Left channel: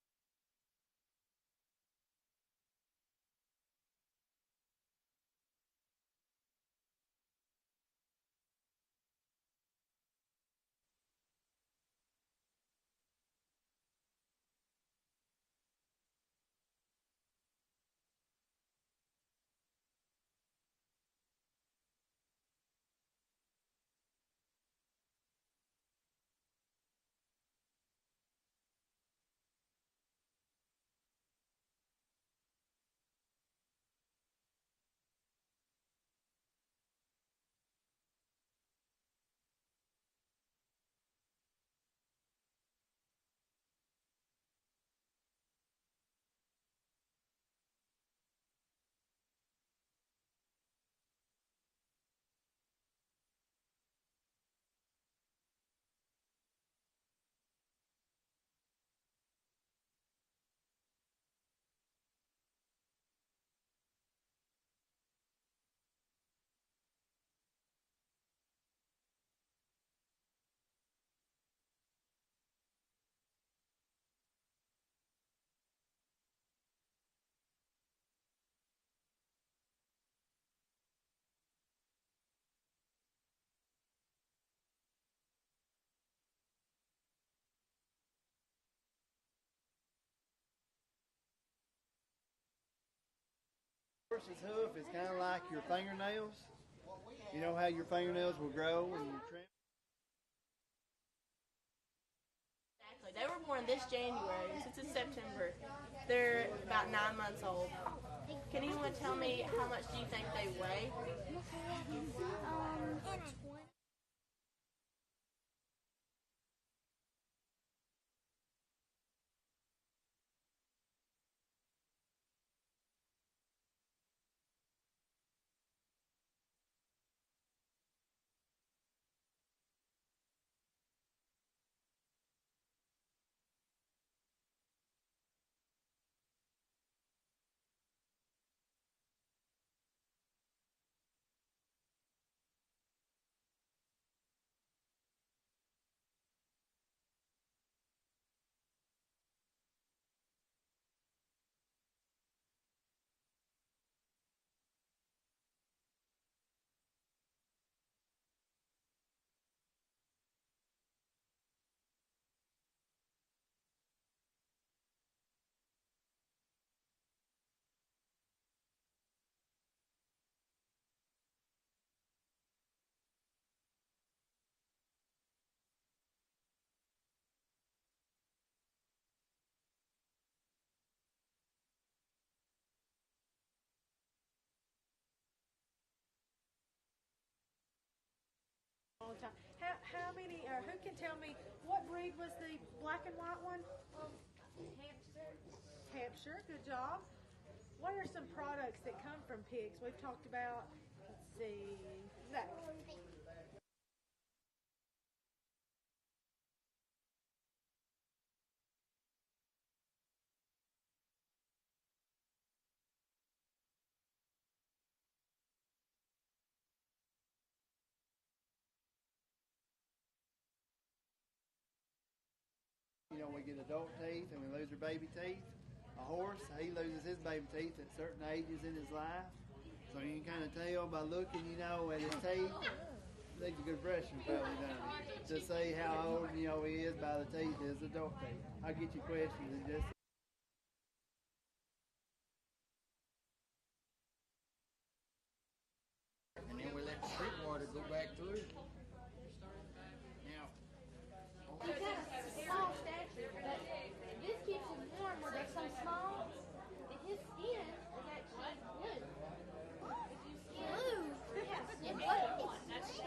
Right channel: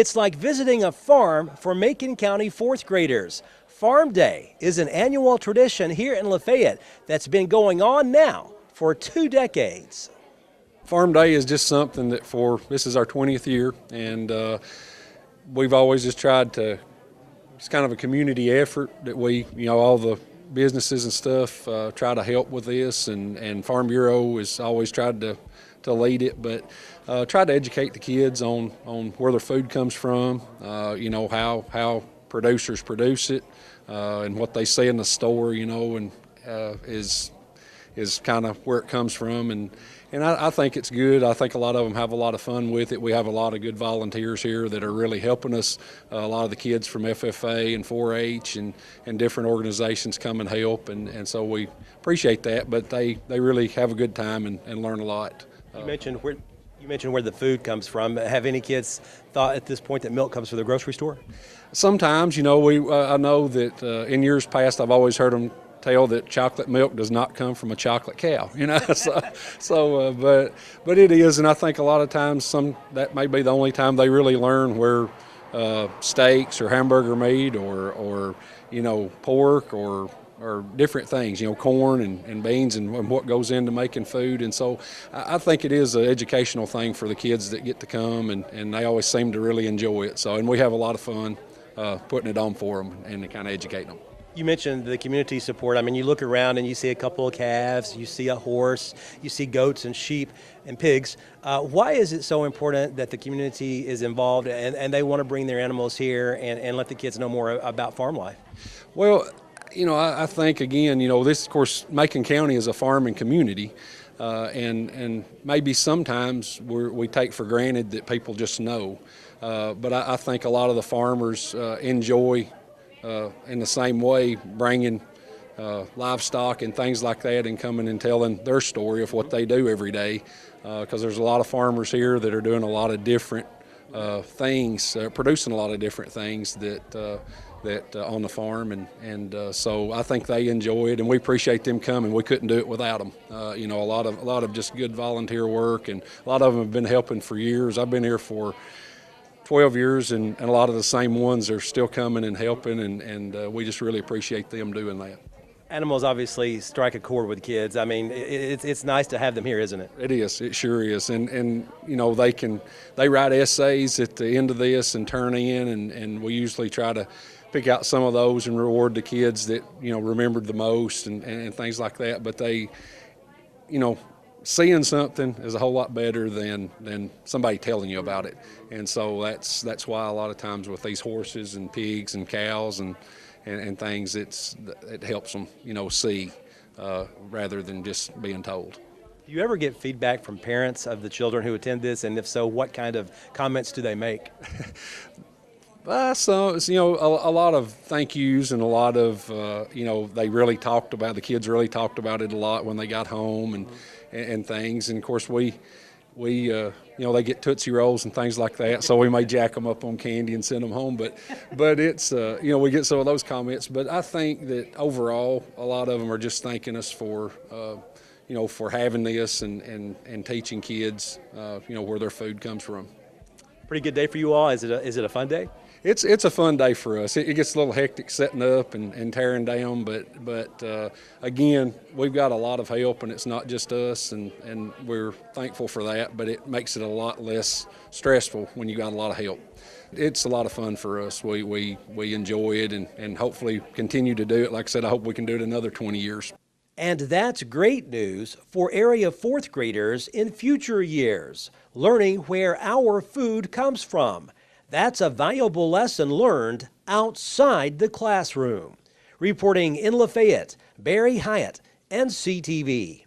It's like visiting a farm for Macon County fourth graders. Farm Day is an annual tradition here in Lafayette that's been going on now for 2 decades. Farm Day is just something that this is our 20th year, and we've always just tried to, it's kind of a community effort that we, all the businesses and stuff try to help with this, and Farm Bureau has always tried to lead it, but try to educate the kids on where their food comes from, how producers produce it, and what they see in the store, and is kind of where it comes from, and I think it's good. I think a lot of them have a lot of fun with it. We have a lot of good volunteers here that are really helping us. A lot of the kids from FFA and 4-H and different organizations come and help, and so we appreciate that, but they really have a good time and learn a lot. You mentioned where the food comes from. Have any kids thought at this point that milk comes from the grocery store? Sometimes, I know that in years past I've always heard them tell that chocolate milk does not come from a chocolate cow, but it is, and I think a lot of times that may be the only time they really learn where steaks or hamburger meat or pork or different things, corn and beans and what goes into making food. And so I think it is an educational thing for the kids that get to come, and they always seem to really enjoy it. And we have a lot of fun putting it on for them and kind of educating them. You mentioned the community support. I mean, you look around and you see a couple of calves, you see a horse, you see goats and sheep and pigs. Why is it so important that the community is involved and they want to bring their animals here and let the kids know more about farm life? Well, I think, again, this, of course, Macon County is a farming community, and maybe sometimes we take for granted that people just know. But I think a lot of the farmers enjoy, in the same way, bringing livestock and things like that and coming and telling their story of what they do every day, because there's a lot of farmers here that are doing a lot of different things, producing a lot of different things that on the farm, and so I think they enjoy it, and we appreciate them coming. We couldn't do it without them. A lot of just good volunteer work, and a lot of them have been helping for years. I've been here for 12 years, and a lot of the same ones are still coming and helping, and we just really appreciate them doing that. Animals obviously strike a chord with kids. I mean, it's nice to have them here, isn't it? It is. It sure is. And they write essays at the end of this and turn in, and we usually try to pick out some of those and reward the kids that remembered the most and things like that. But they, seeing something is a whole lot better than somebody telling you about it. And so that's why a lot of times with these horses and pigs and cows and things, it helps them see rather than just being told. Do you ever get feedback from parents of the children who attend this, and if so, what kind of comments do they make? So a lot of thank yous, and a lot of they really talked about, the kids really talked about it a lot when they got home and things. And of course we they get Tootsie Rolls and things like that, so we may jack them up on candy and send them home. But it's we get some of those comments. But I think that overall a lot of them are just thanking us for for having this and teaching kids where their food comes from. Pretty good day for you all. Is it a fun day? It's a fun day for us. It gets a little hectic setting up and tearing down, but again, we've got a lot of help, and it's not just us, and we're thankful for that, but it makes it a lot less stressful when you got a lot of help. It's a lot of fun for us. We enjoy it and hopefully continue to do it. Like I said, I hope we can do it another 20 years. And that's great news for area fourth graders in future years, learning where our food comes from. That's a valuable lesson learned outside the classroom. Reporting in Lafayette, Barry Hyatt, NCTV.